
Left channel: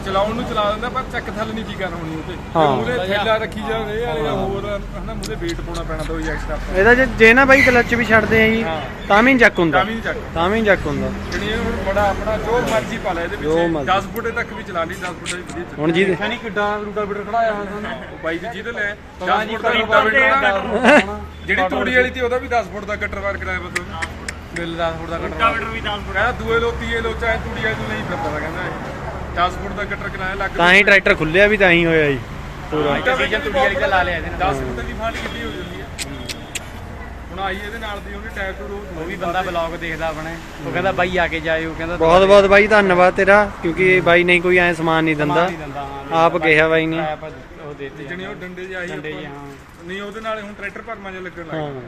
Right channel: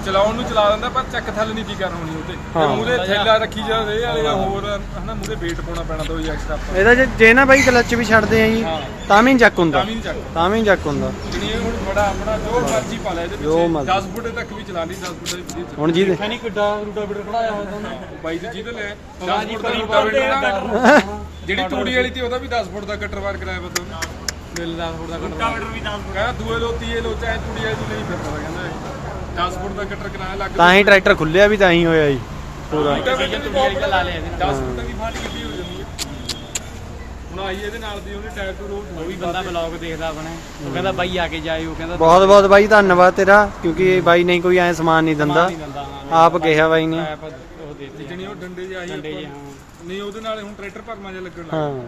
ਚਲਾਉਣ ਨੂੰ ਚਲਾ ਦਿੰਦਾ ਪਰ ਚੱਕ ਥੱਲ ਨਹੀਂ ਕੀ ਕਰਨਾ ਹੋਣੀ ਉਹਤੇ ਹਾਂ। ਉਹਦੇ ਥੈਲਾ ਰੱਖੀ ਜਾਵੇ ਵਾਲੇ ਦਾ ਹੋਰ ਹਨਾ ਮੂਰੇ weight ਪਾਉਣਾ ਪੈਣਾ ਤਾਂ ਉਹੀ ਐਕਸਟਰਾ ਆਪਾਂ। ਇਹਦਾ ਜੇ- ਜੇ ਨਾ ਬਾਈ ਕਲੱਚ ਵੀ ਛੱਡਦੇ ਆ ਜੀ ਹਾਂ। ਤਾਂ ਵੀ ਨੀ ਚੱਕ ਹੁੰਦਾ। ਤਾਂ ਵੀ ਨਹੀਂ ਚੱਕ ਤਾਂ ਵੀ ਨੀ ਚੱਕ ਹੁੰਦਾ। ਜਿਹੜੀ ਇਹ ਹੁਣ ਬੜਾ ਆਪਣਾ ਜੋ ਮਰਜ਼ੀ ਪਾ ਲੈ ਇਹਦੇ ਜੋ ਵਿੱਚ ਮਰਜ਼ੀ। 10 ਫੁੱਟ ਤੱਕ ਵੀ ਚਲਾ ਲਈ 10 ਫੁੱਟ ਦੀ ਵਧੀਆ ਚੱਲ ਹੁਣ ਜੀ ਦੇ ਨਹੀਂ ਕਿੱਡਾ ਰੂਟਾ ਬਿਟਰ ਖੜਾਇਆ ਹੋਇਆ ਤੁਹਾਨੂੰ ਉਹ ਬਾਈ ਦੀ ਜਿਹਦੇ ਲੈ 10 ਫੁੱਟ ਦਾ ਰੂਟਾ ਨਾ ਜਿਹੜੀ ਤੂੜੀ ਵਾਲੀ ਤੀ ਉਹਦਾ ਵੀ 10 ਫੁੱਟ ਦਾ ਕੱਟਰ ਵਾਰ ਕਰਾਇਆ ਬਸ ਉਹਨੇ। ਮਿਲ ਦਾ ਥੋੜਾ ਕੱਟਵਾ ਕਹਿੰਦਾ ਦੂਏ ਲੋ ਤੀਏ ਲੋ ਚਾਹੇ ਤੂੜੀ ਵਾਲੀ ਤੋਂ ਨਹੀਂ ਫਿਰਦਾ ਤਾ ਕਹਿੰਦਾ ਇਹ। 10 ਫੁੱਟ ਦਾ ਕੱਟਰ ਕਰਾਇਆ ਲੱਗ ਤਾਂ ਹੀ ਟਰੈਕਟਰ ਖੁੱਲਿਆ ਵੀ ਤਾਂ ਹੀ ਹੋਇਆ ਜੀ ਪੂਰਾ। ਵਿੱਚ ਵੀ ਬਹੁਤ ਲਾ ਲਿਆ ਇਹਦੇ 10 ਫੁੱਟ ਦੀ ਫਾਂਟ ਕਿੱਡੀ ਹੋ ਜਾਂਦੀ ਹੈ ਹੁਣ ਆਈ ਇਹਦੇ ਨਾਲ ਦੀ ਉਹਨੇ ਟਾਇਰ ਤੋਂ ਰੋਜ਼ ਉਹ ਵੀ ਬੰਦਾ ਬਲੌਗ ਦੇਖਦਾ ਆਪਣੇ। ਉਹ ਕਹਿੰਦਾ ਬਾਈ ਆ ਕੇ ਜਾਏ ਉਹ ਕਹਿੰਦਾ ਬਹੁਤ ਬਹੁਤ ਬਾਈ ਧੰਨਵਾਦ ਤੇਰਾ ਕਿਉਂਕਿ ਬਾਈ ਨਹੀਂ ਕੋਈ ਐ ਸਮਾਨ ਨਹੀਂ ਦਿੰਦਾ। ਆਪ ਕਿਹਾ ਬਾਈ ਨੇ। ਉਹ ਦੇ ਦੇ ਜਣੀ ਉਹ ਡੰਡੇ ਜਿਹੇ ਹਾਂ। ਨਹੀਂ ਉਹਦੇ ਨਾਲ ਹੁਣ ਟਰੈਕਟਰ ਭਰਮਾ ਜਿਹਾ ਲੱਗਣ ਲੱਗ ਗਿਆ।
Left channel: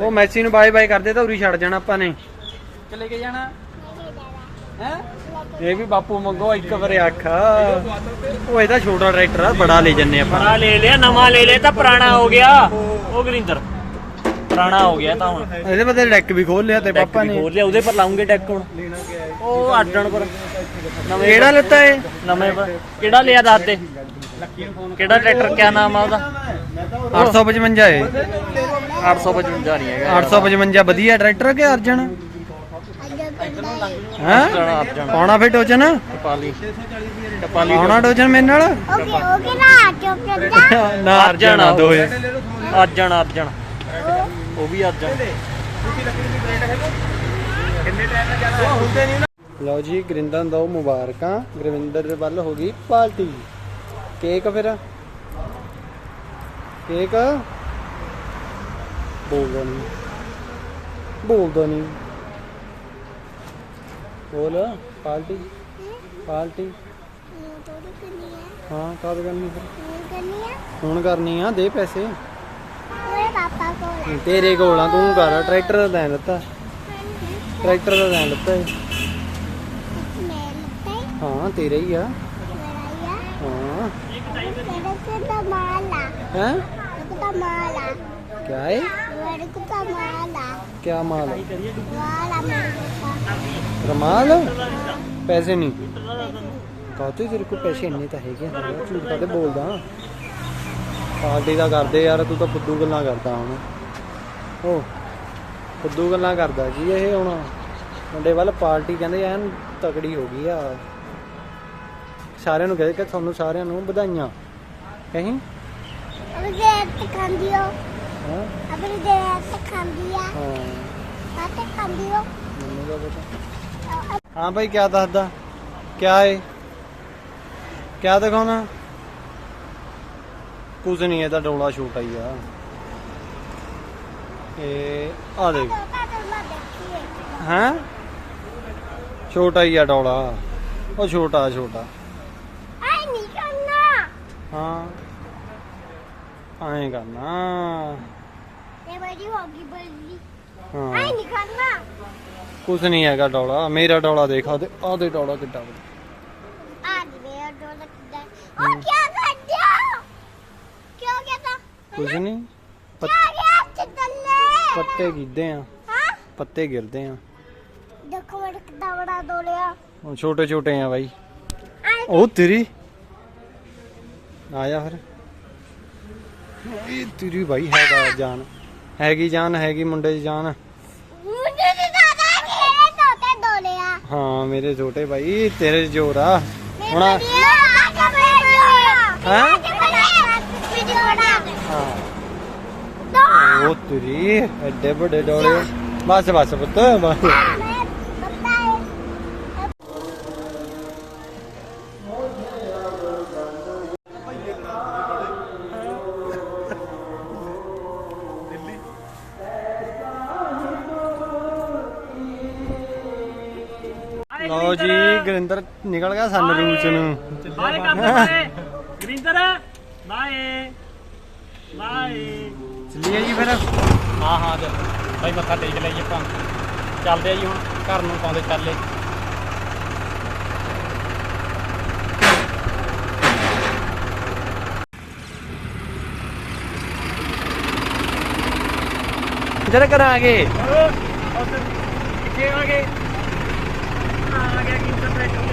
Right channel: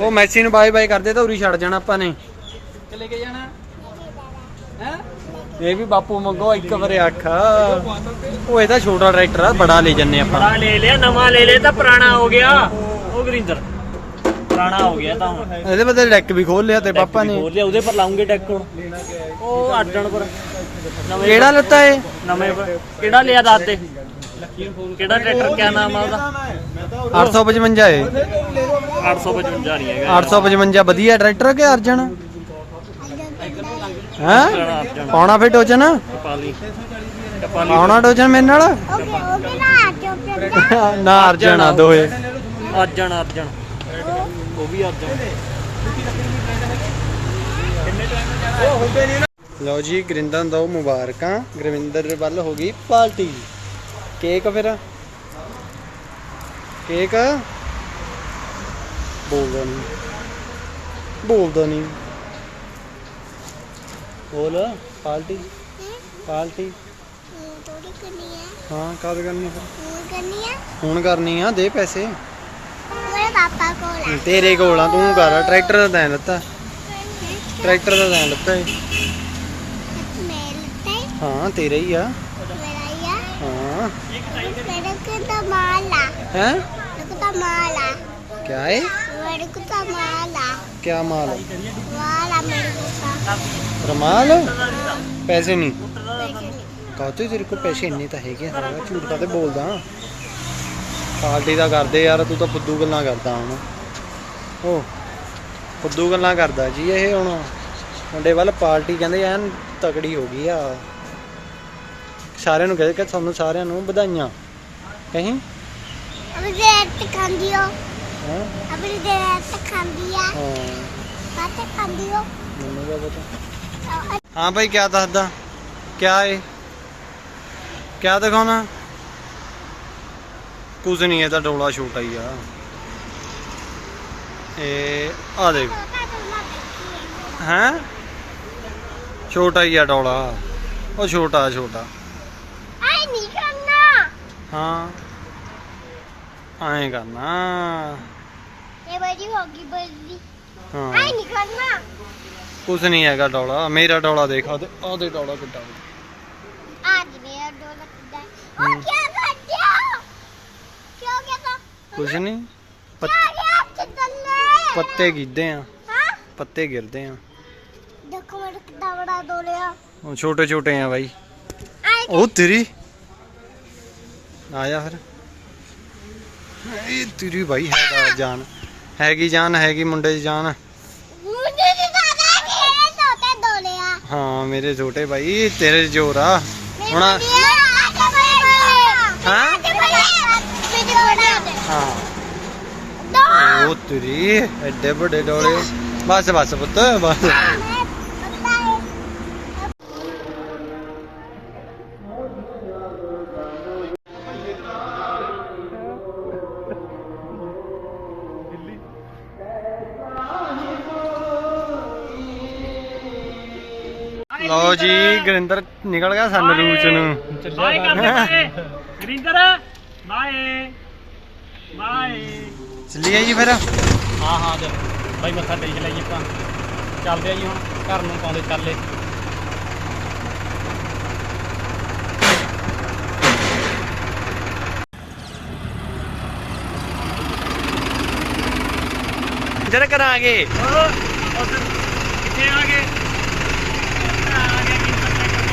ਉਹ ਮੈਸੀ ਨੂੰ ਬਾਏ ਬਾਏ ਕਰਦੇ ਤਾਂ ਉਰੀ ਛੱਡ ਜਾਣਾ ਆਪਾਂ ਨੇ। ਚਲੇ ਕੇ ਜਾਣਾ? ਇਹ ਵੀ ਬਾਪੂ ਮੰਗੋ ਇੱਕ ਵਾਰੇ ਅੱਖ। ਉਹ ਇਹਦਾ ਛੋਟਾ ਟਰੈਕਟਰ ਆ ਬੜਾ ਲੈ ਜੰਨੇ ਆਪਾਂ। ਪੁਰਾਣਾ ਲੈ ਲਿਆ ਨਵਾਂ ਲੈ ਲਿਆ ਤਾਂ ਪੁਰਾਣਾ ਹੋ ਗਿਆ। ਉਹ ਗਰਿੰਦਰ ਪੁਰਾਣਾ ਹੋ ਗਿਆ ਤਾਂ ਹੁਣ। ਇਹਦੇ ਬਦਲੇ ਡੈਕ ਵੀ ਖੋਲ ਲਿਆ ਤੇ ਪਾਪਾ ਨੇ। ਹੋਰ ਲਿਆ ਉਹਦੇ ਪਰ ਲਾਉਂਗੇ ਡੈਕ ਹੁਣ। ਉਹ ਅੱਡਣ ਪਰ। ਕਿਹੜਾ ਲੱਤਾ ਏ ਨਵੇਂ ਪਰ। ਕਿਹੜਾ ਲਿਆ ਦੱਸ ਦੇ? ਕਿਹੜਾ ਟਰੈਕਟਰ ਕਿਆ ਨਾਮ ਆ ਉਹਦਾ? 855 ਏ। 855 ਨਹੀਂ ਹੈਗਾ। 855 ਵਧੀਆ ਟਰੈਕਟਰ ਕਿ ਅਰਜਨ? ਹੈ? ਪਾਉਣਾ ਫੇ ਡੋਜਨ ਕਪਾਲੀ। ਕਪਾਲੀ। ਮੇਰੇ ਨਾਲ? ਓਕੇ ਓਕੇ ਨਾ ਕਿਉਂਕਿ ਨਾ ਅਰਜਣਾ ਦੋਏ ਅਰਜਣ ਉਹ ਵੀ ਅਰਜਣ ਲਓ ਜੀ ਗਰਿੰਦਨ ਦੋ ਮੁਬਾਰਕਾਂ। ਗੁਰਵਿੰਦਰ ਵੱਲ ਹੋ ਗਈ ਪਾਰਟੀ ਕੇਕ ਫਿਰ? ਕੇਕ? ਬੋਲਦਾ ਨਹੀਂ ਬੋਲ ਪਾਰਟੀ ਪਾਰਟੀ थोड़ी करनी है ਹਾਂ ਕਦ ਕਰਨੀ ਫਿਰ वो करनी है ਹੁਣ ਕਰਨੀ ਆ ਦੇ ਪੈਸੇ मेरे पापा को ला ਤੇਰੇ ਕੋਲ ਆ ਤੂੰ ਕਰ ਟਰੈਕਟਰ ਦਾ ਤੈਂ ਲੱਤਾ ਟਰੈਕਟਰ ਦਾ ਤੈਂ ਲੱਤਾ ਏ मैं लगता है ਹਾਂ ਤੇਰਾ ਹੀ ਆ मेरा या ਹਾਂ मेरे को तो माला ਹੈ मेरे को तो माला ਕਿਆ ਏ मेरे को तो माला ਕਿਆ ਮਾਲ वाला मेरे को का ਰਮਾਲ हाँ, ਪੈਸੇ ਨਹੀਂ पैसे नहीं ਕਾਹਤੇ ਤੇਰੇ ਕੋਲ ਪੈਸੇ ਇੰਨੇ ਤਾਂ ਹੈਗੇ ਆ ਝੂਠ ਕਾਤੇ ਬੋਲਦਾ ਪਾਰਟੀ ਦਾ ਕਰਦੇ ਯਾਰ ਤੂੰ ਤਾਂ ਫੁੱਦੂ ਗੱਲਾਂ ਕਰਦਾ ਹੁਣ ਉਹ ਫੁੱਦੂ ਗੱਲਾਂ ਕਰਦਾ ਜੀ ਇਹ ਹੁਣ ਮੁੰਡੇ ਵੱਲ ਪਾਰਟੀ ਕਹਿੰਦੇ ਐਨ ਤਕੜੀ ਹੋ ਗਈ ਆ ਸਾਰਿਆਂ ਨੂੰ ਕਹਿੰਦੇ ਕਿ ਤੁਹਾਨੂੰ ਸਾਰਿਆਂ ਨੂੰ ਵਧਾਈਆਂ ਕਹੀਂ अब देर तक खान दियो ਹਾਂ। ਆਪਣੀ ਕਿਆ ਦੱਸਦਾ? ਕਿਆ ਏ? ਕਿਆ ਦਿਖਾਉਣਾ? ਕੁਝ ਨਹੀਂ ਇਹ ਡੋਲਾ ਛੋਟਾ ਹੀ ਆ। ਇਹ ਆ ਦੇਖ। ਹੈ? ਛੋਟਾ ਹੀ ਆ ਡੋਲਾ। ਉਹ ਛੋਟਾ ਛੋਟਾ। ਹਾਂ। ਐਂ ਕਰਨਾ। ਇਹ ਬੜੀ ਹੋ ਗਈ ਬੱਲੀ। ਹਾਂ। ਐਂ ਨਹੀਂ ਕਰਨਾ। ਕੁਝ ਨਹੀਂ ਹੈਗਾ ਡੋਲਾ। ਮੇਰਾ ਡੋਲਾ ਦੇਖ ਆ ਦੇ ਡੋਲਾ ਕਿੱਡਾ ਆ ਨਹੀਂ। ਪੱਤੇ ਗਿੱਦੇ ਆ। ਪੱਤੇ ਗਿਰਦੇ ਆ। ਦੇਖੋ ਮੇਰੇ ਕਿੱਡਾ ਬੜਾ ਡੋਲਿਆ ਛੋਟੇ ਛੋਟੇ ਆ ਬਾਈ। ਉਹ ਤੇਰੀ। ਆ ਜਾ ਫਿਰ। ਇਹ ਤੇਰੀ ਭਾਈ ਹੈਗਾ ਜਾਨ। ਹੈਗੀ ਜਾਨ ਹੈਗੀ ਮੁੰਡੇ ਦੀ ਜਾਨ। ਹਾਂ ਮੇਰੇ ਛੋਟੇ ਬਾਈ ਤੇਰੇ ਜੋਰ ਆ। ਹੁਣ ਹਾਂ। ਉਹ ਤੇਰੀ ਐਡੇ ਵੱਡੇ ਡੋਲੇ। ਬਸ ਬਸ ਪੁੱਤ ਬਸ। ਲਓ ਜੀ ਗੁਰਿੰਦਰ ਨਿਕਲ ਗਿਆ ਸਨ ਰੂਚ ਨੂੰ। ਬਾਏ ਕਰਦੇ ਗਰਿੰਦਰ ਬਾਏ ਬਾਏ ਚੱਲੀਏ ਜੀ ਫਿਰ। ਹਾਂ ਹਾਂ ਦੇ ਬਾਈ ਮੱਥਾ ਟੇਕ ਲਈਏ ਆਪਾਂ। ਚੱਲਦੇ ਆ ਜੀ ਹੁਣ ਘਰ ਨੂੰ ਪਾਉਂਦੇ ਚੱਲੇ। ਜਦ ਕਰਾਂਗੇ ਕਿੱਥੇ ਆ ਗਏ ਆ ਗਿਆ ਗਰਿੰਦਰ ਟਰੈਕਟਰ ਤੇ ਗਏ ਇਹ ਚਲਾ ਲੈਂਦਾ ਇਹਨਾਂ ਨੇ ਖਾਣਾ ਹੀ ਖਾਣਾ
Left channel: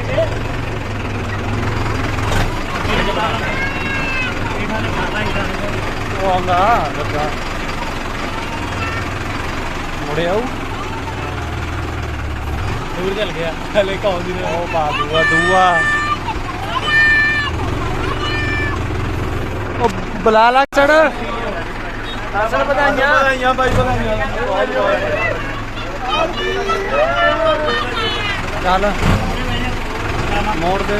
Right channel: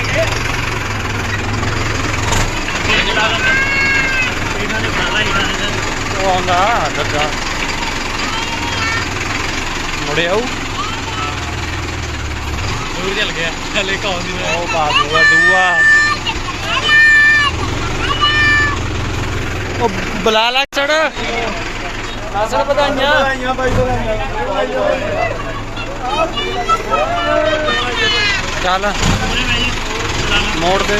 ਉਹ ਆਉਂਦਾ ਮੁੜੇ ਆਉ ਦੂਰ ਚੱਲ ਗਿਆ। ਹਲੇ ਕੌਣ ਦੀ ਉਹ ਬਾ ਦੂਆ ਦੂਆ। ਉਹ ਬੁਲਾ ਲਾ ਚੜ। ਅਸਲ ਵਧਾਈਆਂ। ਚੱਲ। ਮੋੜ ਦੇ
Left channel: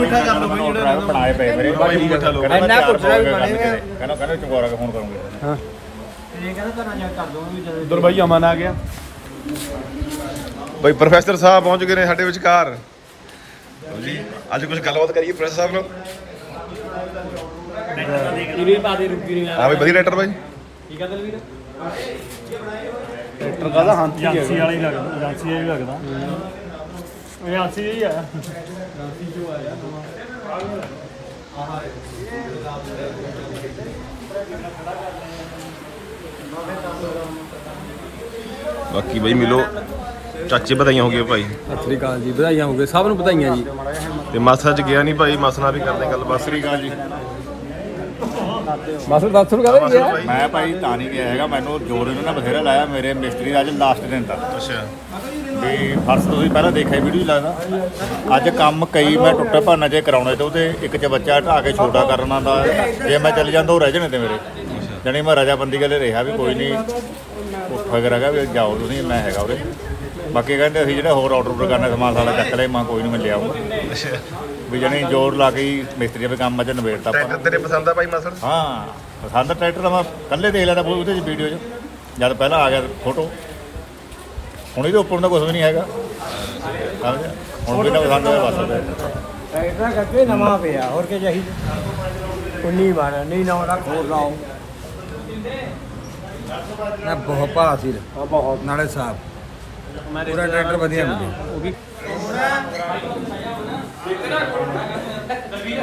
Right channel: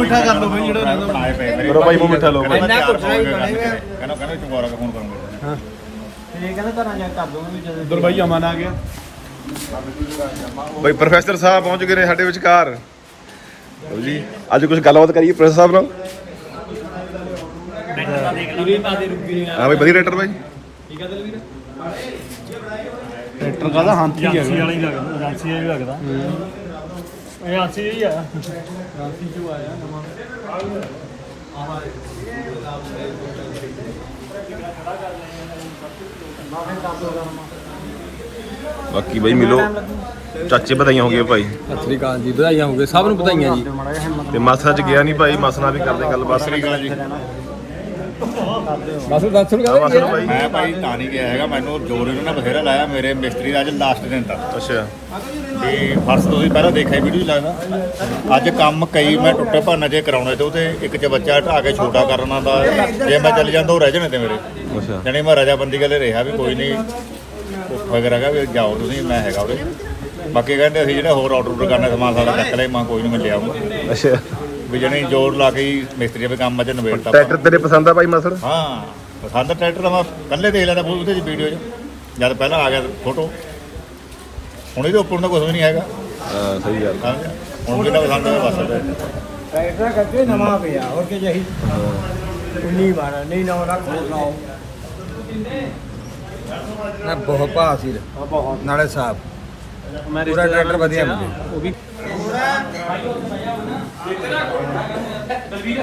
ਮਿੱਠਾ ਕਰ ਲਓ ਬਈ ਜਿਹੜਾ ਰਹਿੰਦਾ ਮੇਰਾ ਭਾਈ ਮੂੰਹ ਮਿੱਠਾ ਲੋ ਇੰਨਾ ਕੁੱਟਣਾ ਵੀ ਬਣੇਗਾ ਉਧਰ ਬਾਈ ਅਮਨ ਆ ਗਿਆ। ਭਾਈ ਪ੍ਰੋਫੈਸਰ ਸਾਹਿਬ ਪਹੁੰਚ ਗਏ ਨੇ ਸਾਡੇ ਵਿਚਕਾਰ। ਲਓ ਜੀ ਅੱਜ ਕੁਝ ਗੱਲਬਾਤ ਕਰੀਏ ਪ੍ਰੋਫੈਸਰ ਸਾਹਿਬ ਨਾਲ। ਹਾਂ ਭਾਈ ਵਧੀਆ ਰੇਟਰ ਭਾਈ ਏਜੰਸੀ ਵਾਲਾ ਹੀ ਲੱਗਦਾ ਏਜੰਸੀ ਵਾਲਾ ਹੀ ਲੱਗਦਾ। ਏਜੰਸੀ ਹੀ ਆਇਆ ਬਾਕੀ ਭਾਈ ਮਿਲੋ। ਚਾਚੇ ਵਧਾਈਆਂ ਹੋ ਗਈਆਂ ਭਾਈ। ਸਤਿ ਸ੍ਰੀ ਅਕਾਲ ਜੀ ਵਧਾਈਆਂ ਹੋ ਗਏ ਸਭ ਨੂੰ ਵਧਾਈਆਂ ਜੀ। ਤੇ ਮਾਸਾ ਚ ਗਿਆ ਨਹੀਂ ਭਾਈ ਮਾਸਾ ਨਾਲ ਵੀ ਕਰਦੇ ਗੱਲਬਾਤ। ਸ੍ਰੀ ਅਕਾਲ ਜੀ। ਬਸ ਦੱਸ ਨੂੰ ਮਾਸਾ ਭਾਈ। ਮੈਂ ਭਾਈ ਤਾਂ ਨਹੀਂ ਗਿਆ ਹੈਗਾ। ਮੈਨੂੰ ਜੋਰ ਇਹਨਾਂ ਨੇ ਬਥੇਰਾ ਲਾਇਆ ਮੇਰੇ ਮਿਸਤਰੀ ਦਾ ਅੱਜ ਲਾਸਟ ਦਿਨ ਦਾ। ਅੱਛਾ। ਤੇ ਫਰਸ਼ ਤੁਸੀਂ ਪਹਿਲਾਂ ਦੇਖਿਆ ਵੀਡੀਓ ਲੱਗਦਾ। ਅੱਜ ਕੰਮ ਕਈ ਮੈਂ ਟੁੱਟੇ ਭਾਨਾ ਜੇ ਕਰਾਉਣੇ ਤੇ ਉਹਦੇ ਇੱਕ ਚ ਬੱਚਾ ਢਾ ਕੇ ਛੋਟਾ ਕਰਨਾ ਦਾ ਜੇ ਮੈਂ ਚੱਲ ਜਾਂਦਾ ਉਹ ਰਹਿ ਜਾਣੇ ਤੇ ਮੇਰੇ। ਅੱਛਾ। ਜਾਣੀ ਮੈਂ ਰਜਾਬੰਦੀ ਗੱਲੇ ਰਿਹਾ ਵੀ ਕੋਈ ਨਹੀਂ। ਉਹ ਫਕਰ ਹੈਗਾ ਵੀ ਜਾਓ ਤੁਸੀਂ ਮੈਂ ਹੈਗਾ ਉਹਦੇ ਬਾਕੀ ਕਹਿੰਦੇ ਅਸੀਂ ਜਿਹੜਾ ਹੋਰ ਆਰਡਰ ਕਰਨਾ ਸਮਾਨ ਸਾਡਾ ਚੱਕ ਲੈ ਮੈਂ ਕੋਈ ਨਹੀਂ ਮੈਂ ਲਿਆਉਂਗਾ ਅੱਛਾ। ਵੀ ਜਾਣੀ ਜ਼ੋਰ ਲਾ ਕੇ ਹੀ ਮਿਸਤਰੀ ਦੇ ਕੰਮ ਅੱਜ ਨਵੇੜਤਾ ਟਰੈਕਟਰ ਤੇਰੇ ਪਸੰਦ ਆ ਭਾਈ ਮਾਸਰ ਹਾਂ ਪਸੰਦ ਟਰੈਕਟਰ ਤਾਂ ਮੈਂ ਕੱਲੇ ਦੇਖ ਲੈਦਾ ਉਹਦੇ ਦੀ ਵੀਡੀਓ 'ਚ। ਜਦ ਪਹਿਲਾਂ ਆ ਗਿਆ ਫੋਟੋ ਹੁਣ ਇਹਦੇ ਉੱਪਰ ਦਾ ਕੁਝ ਵੀ ਨਹੀਂ ਹੈਗਾ। ਹਾਂ ਸਹੀ ਗੱਲ। ਸਮਝਿਆ ਹੁਣ ਵੀ ਨਾ ਪਸੰਦ ਹੋਇਆ ਬਸ ਟਰੈਕਟਰ ਕਰਕੇ ਨਵਾਂ ਪਿਆ ਹੋਰ ਕੀ ਚਾਹੀਦਾ 19 12 ਨਹੀਂ ਨਾ ਰੱਖ ਹੋਰ ਲਾਓ ਨਾ ਬਹੁਤ ਭਾ ਸੀ ਨਾਲੇ ਸਾਫ਼। ਪੂਰਾ ਟਰੈਕਟਰ ਵਧੀਆ ਮਿਲੇ ਉਹ ਵੀ ਦਲਵੀਰ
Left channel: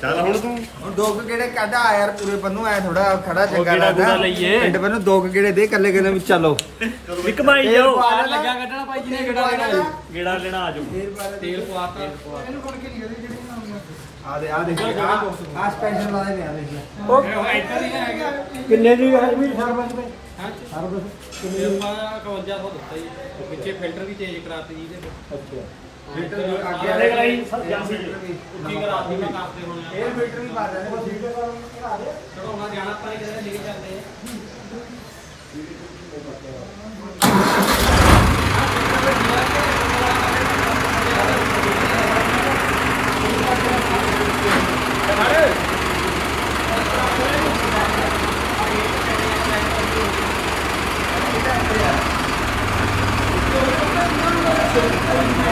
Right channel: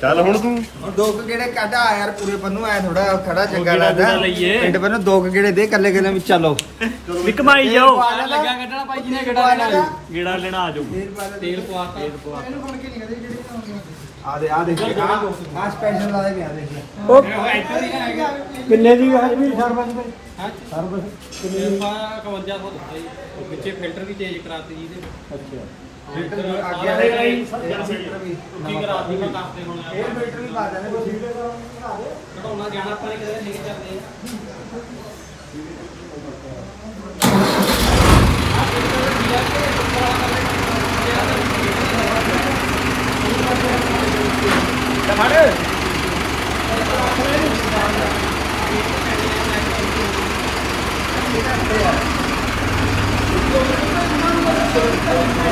ਚੱਲ ਹੁਣ ਤੂੰ। ਹੁਣ ਦੋ ਕੁ ਗੇੜੇ ਕੱਢ ਆ ਯਾਰ ਪੂਰੇ ਬੰਨੂ ਐ ਥੋੜਾ ਖੜਾ ਚੰਗਾ ਲੱਗਦਾ। ਪਿੰਡ ਬੰਨੂ ਦੋ ਕੁ ਗੇੜੇ ਦੇ ਕੱਲੇ ਕੱਲੇ ਵਿੱਚ ਚੱਲੋ। ਇੱਕ ਮਾਈ ਜਾਓ। ਲੱਗਾ ਕੱਢਣਾ ਭਾਈ ਜੀ ਨੇ ਕਿਹੜਾ ਲੈਣਾ। ਗੇੜਾ ਲੈਣਾ ਆ ਜਾਓ। ਤੇਲ ਪਵਾਤਾ ਇਹਨੂੰ ਫੜ ਕੇ ਨਹੀਂ ਕਦੇ ਜਿਹੜੀ ਨਹੀਂ ਆ ਦੇ ਆ ਦੇਖ ਆ। ਆ ਸਪੈਸ਼ਲ ਲਾ ਦੇ। ਆ ਦੇਖ ਕਿੰਨੇ ਦੀ ਹੈ ਵੀ ਸਰਵਿਸ ਤੇ? ਤੇ ਆਪਾਂ 5100 ਦਿੱਤਾ ਜੀ। ਵਿੱਚੇ ਫਿਲਟਰ ਵੀ ਚੇਂਜ ਕਰਾਤੇ ਜੀ ਇਹਦੇ ਅੱਛਾ। ਫਿਲਟਰ ਜੋ ਅੱਗੇ ਦੇ ਇਹ ਫਿਲਟਰ ਵੀ ਠੀਕ ਕਰਾ ਦੀ ਮੈਂ ਕਰਦੇ ਹੋਣੇ ਆ ਇਹ ਫਿਲਟਰ ਵੀ ਪਾ ਜਾਣੇ ਕੋਈ ਠੀਕ ਹੈ ਬਣਾ ਦੇ ਚੜਾਉਣਾ ਜਾਣਾ ਆਪਾਂ ਨੇ ਕਿਸੇ ਨੇ ਲੈ ਕੇ ਚੱਲਦੇ ਆ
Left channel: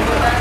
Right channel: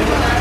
Yeah.